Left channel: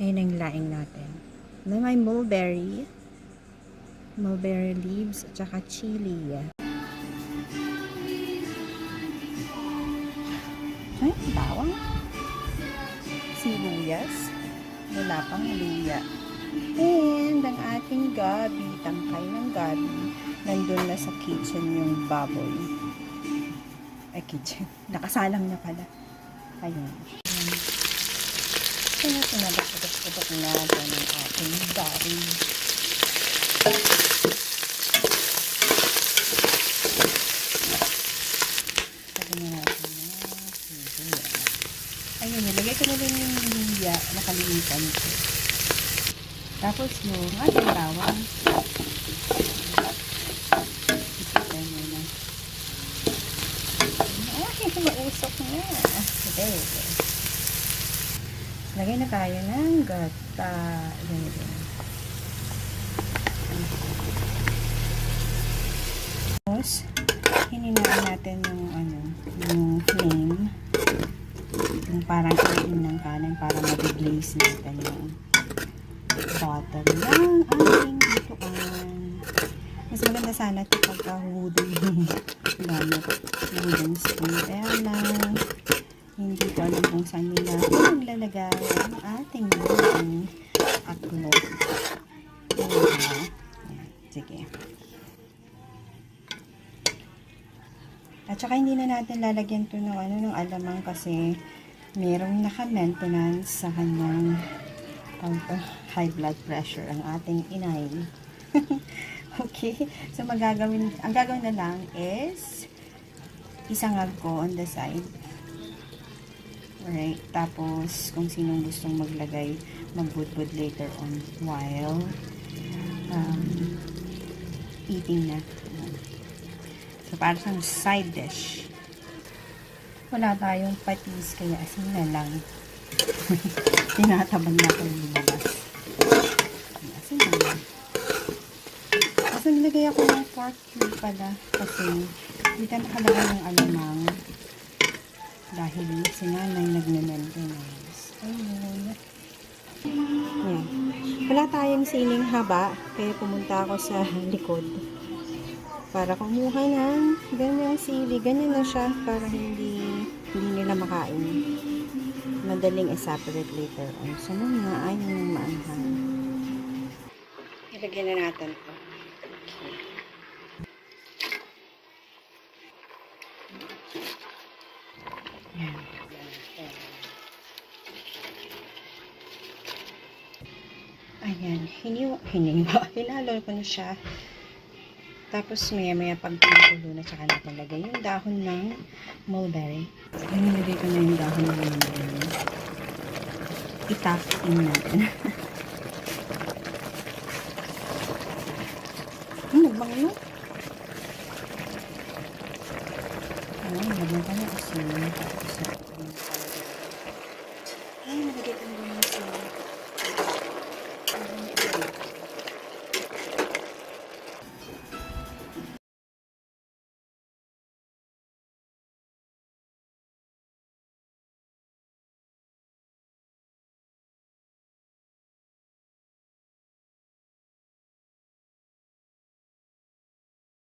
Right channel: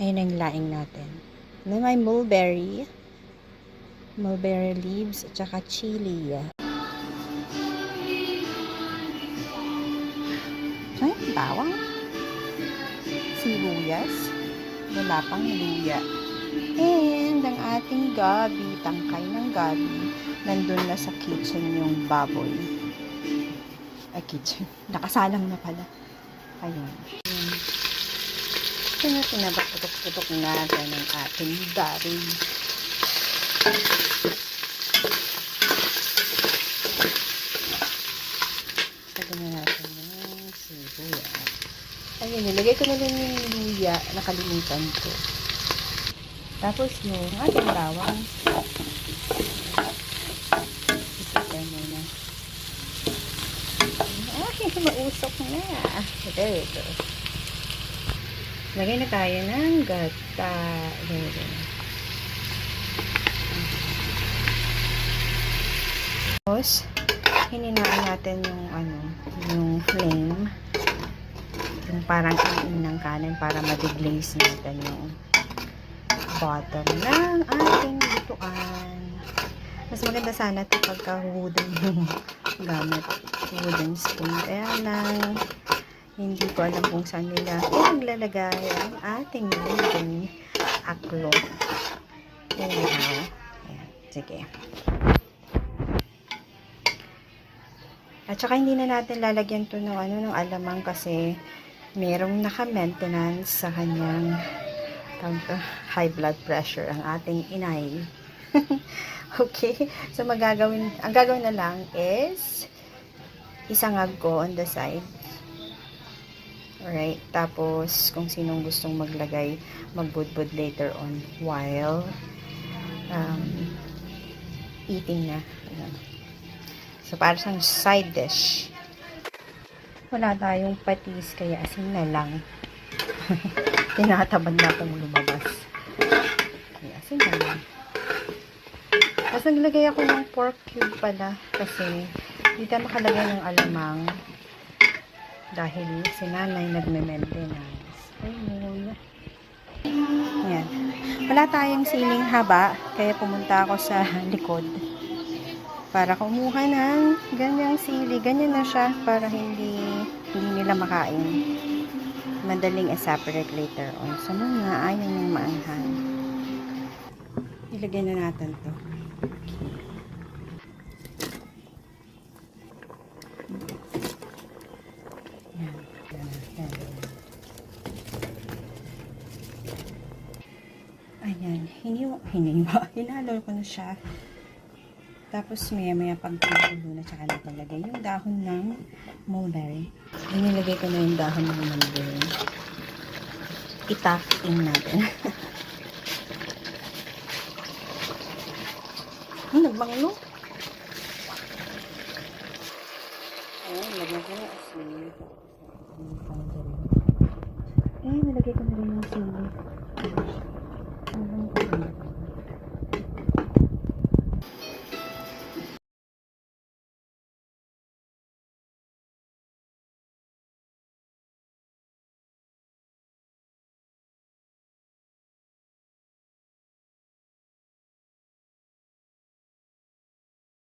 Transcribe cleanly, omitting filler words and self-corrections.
Ayun ang laing natin. Then may mulberry leaves, at saka chili. Ay, bawang. Sibuyas. Wala pang luya. And ang ating gabi, tangkay ng gabi, nandun na sa kitchen yung baboy. Ay, kitchen. Nakasalang na pala. Ayun. So, pinabatok-putok natin ang ating gabi. Lagyan na natin yung sibuyas. Ayun, nilagay ko na lang yung luya. Nakalimutan ko. Tapos yung ating bawang. Ipatay mo na. Ay, mausok na. There it is. Lagay na tayo ng gata. There. Tapos, hininaan natin yung flame. Yung parang iin ng kanan para ma-deglaze natin yung bottom ng ating lutuan. Mas maganda sana ito pagka wooden yung gamit. Wooden spoon. Kaya lang, hindi ko alam kung saan nila maglalagay ang ating wooden aklo. Anyhow. Ayan. Sige. At saka hindi na natin lalagyan to ng ng alamang kasi merong naka-maintenance sa kanyang high blood pressure ang ating inay. Okay? So ang gagawin na lang is isangag ko on the side. Alright? Tapos kung sinong gustong maglagay, magbudbud later on while eating na. So, para sa side dish. Wala tayong patis, kaya asin na lang. Tinatabad na akong lumabas. Kaya asin na lang. Tapos, naglagay ako ng pork cube pala. Kasi, hindi tayo makalagay ng alamang. Dahil si nanay nagme-maintenance. Ayun. Yan. Wala tayong siling haba, kaya pumunta ako sa likod. Para kumuha ng ganyang sili. Ganyan na siya para hindi nila makain. Madaling i-separate later on. So, mga ayaw ng maanghang. Ilagay na natin to. Okay. Yan. Ayan. Hinalo ko na siya. Tapos, maya-maya pagkulo na tsaka napalagay yung dahon ng mulberry. Nilagay ko na yung dahon ng mulberry. Itakin natin. Nagbango.